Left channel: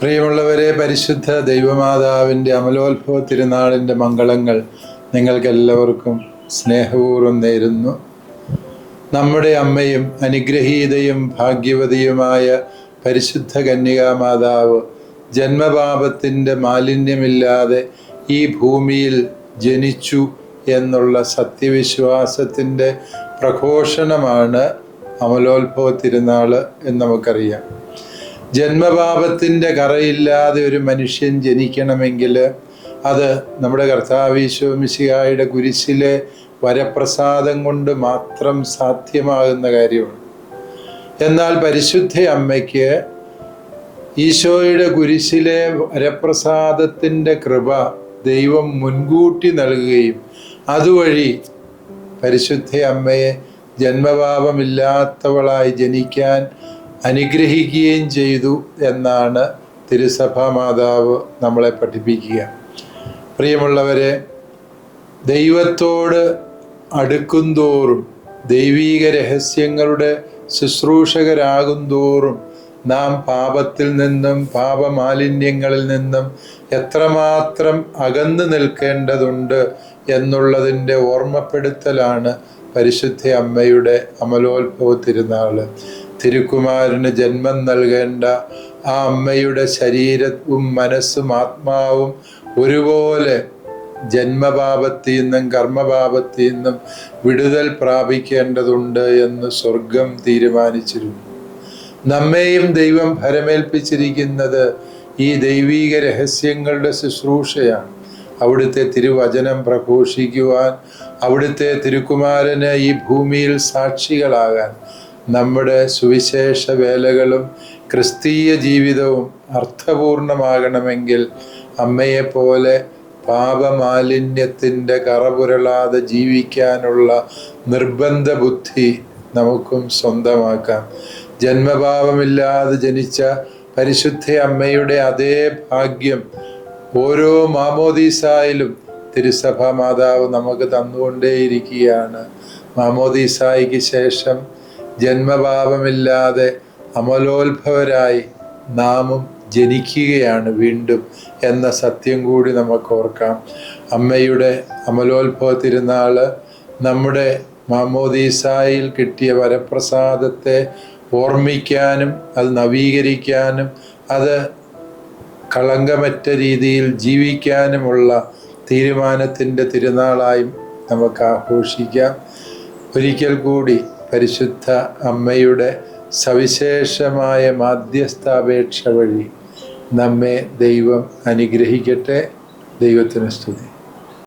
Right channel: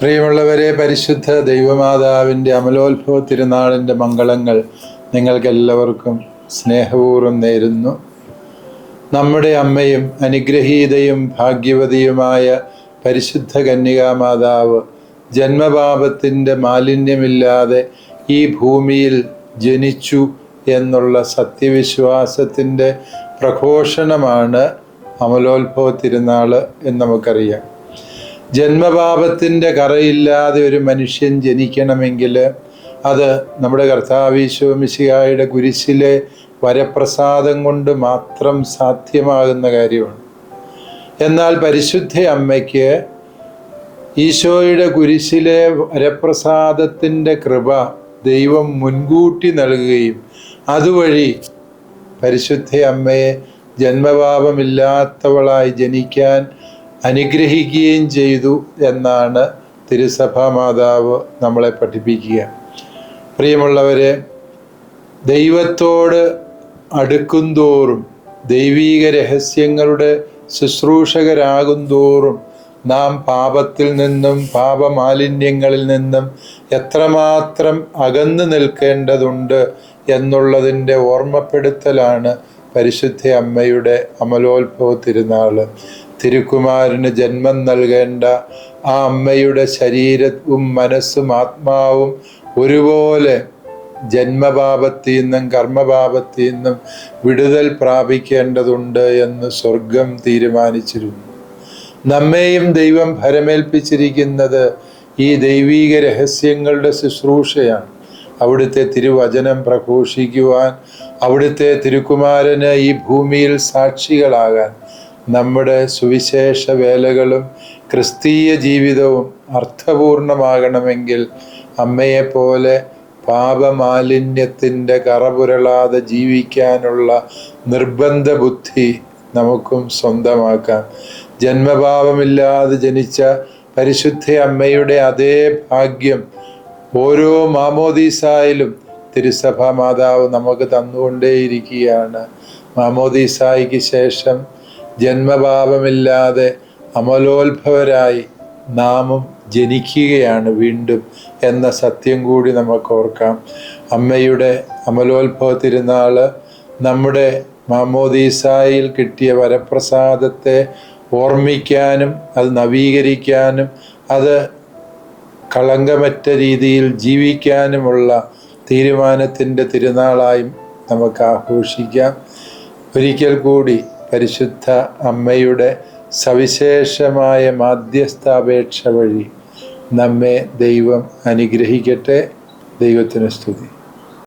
പ്രിയമുള്ളവരെ പരിശുദ്ധ ദൈവമാതാവിന്റെ അമലോത്ഭവ തിരുനാളിന്റെ മംഗളങ്ങൾ നിങ്ങൾക്കെല്ലാവർക്കും സ്നേഹപൂർവം നേരുന്നു. നമ്മുടെ അമ്മയും അനുഗ്രഹീതയും ഭാഗ്യവതിയുമായ പരിശുദ്ധ കന്യകാമാതാവ് ജന്മപാപത്തിന്റെ മാലിന്യമില്ലാതെ ഈ ഭൂമിയിൽ ജനിച്ചു എന്നുള്ള സത്യവിശ്വാസത്തിന്റെ പ്രഘോഷണമാണ് അമലോത്ഭവ തിരുനാൾ എന്ന് നമുക്കറിയാം. ജന്മപാപത്തിന്റെ കറയില്ലാതെ ഒരു മനുഷ്യൻ ജനിക്കണമെങ്കിൽ അത് നമ്മുടെ കർത്താവീശോ മിശിഹായുടെ കുരിശിലെ വരപ്രസാദം കൊണ്ട് മാത്രം സാധ്യമാകുന്ന കാര്യമാണ്. എന്നാൽ പരിശുദ്ധ അമ്മയ്ക്ക് ഈശോയുടെ കുരിശിലെ വരപ്രസാദത്തിന്റെ കൃപ ദൈവം മുൻകൂട്ടി നൽകുകയും അതുവഴി പരിശുദ്ധ അമ്മയെ ജന്മപാപമില്ലാത്തവളായി ജനിക്കാൻ അനുഗ്രഹിക്കുകയും ചെയ്തു എന്നാണ് തിരുസഭാ മാതാവ് നമ്മളെ പഠിപ്പിക്കുക. പ്രിയമുള്ളവരെ ദൈവത്തോട് അടുക്കുന്തോറും ദൈവീക രഹസ്യങ്ങളുടെ ശുശ്രൂഷകരാകുന്തോറും നാം പാപത്തിൽ നിന്നും പാപമാലിന്യങ്ങളിൽ നിന്നും എത്രമാത്രം അകന്നു നിൽക്കേണ്ടതുണ്ട് എന്നുള്ളതിന്റെ ഓർമ്മപ്പെടുത്തലാണ് പരിശുദ്ധ അമ്മയുടെ അമലോത്ഭവ തിരുനാൾ. തിരുക്കുമാരന് ജന്മം നൽകേണ്ട ആ അമ്മയുടെ ശരീരവും മനസ്സും ആത്മാവും ഒരുപോലെ ജന്മപാപത്തിൽ നിന്നും കർമ്മപാപത്തിൽ നിന്നും വിടുതൽ പ്രാപിക്കേണ്ടതുണ്ട് എന്ന് സ്വർഗം തീരുമാനിച്ചിരുന്നു. നമ്മെയും ദൈവം ഭരമേൽപ്പിച്ചിരിക്കുന്നത് ഈ ദൈവീക രഹസ്യങ്ങളുടെ ശുശ്രൂഷയാണ്. അവിടുത്തെ തിരുവചനം പ്രഘോഷിക്കുവാൻ അവിടുത്തെ തിരുക്കുമാരന് ഈ ഭൂമിയിൽ സാക്ഷികളാകാൻ നമ്മുടെ സുവിശേഷ വേലകളും ക്രിസ്തീയ ജീവിതവും അർത്ഥപൂർണമാകണമെങ്കിൽ അമ്മയെപ്പോലെ പാപമാലിന്യത്തിന്റെ കറപുരളാതെ ജീവിക്കാനുള്ള നിർബന്ധ ബുദ്ധി നമുക്കും സ്വന്തമാക്കാം. ജന്മഭാവമില്ലാതെ ജനിച്ച പരിശുദ്ധ അമ്മയുടെ അതേ ഭാഗ്യം ഓരോ മാമോദീസായിലും തിരുസഭ മാതാവ് നമുക്ക് തന്നുകൊണ്ടേയിരിക്കുകയാണ്. മാമോദീസായിക്ക് ശേഷം ജന്മഭാവമില്ലാതെ അമലോത്ഭവരായി നാമും ജനിക്കുകയാണ് വീണ്ടും എന്ന സത്യം കൂടി നമുക്ക് ഓർക്കാം. അമ്മയുടെ അമലോത്ഭവ തിരുനാൾ നമ്മുടെ മാമോദീസായിൽ കിട്ടിയ വരപ്രസാദത്തെ ഓർമ്മിക്കാനും അത് നവീകരിക്കാനും അത് കളങ്കമറ്റ രീതിയിൽ ജീവിക്കാനുമുള്ള തീരുമാനത്തിന്റെ തിരുനാളായും നമുക്ക് ആഘോഷിക്കാം. ഒരിക്കൽ കൂടി പരിശുദ്ധ അമ്മയുടെ സവിശേഷമായ മാധ്യസ്ഥാപേക്ഷ വഴി നമ്മെ ദൈവം അനുഗ്രഹിക്കട്ടെ. ദൈവത്തിന് സ്തുതി.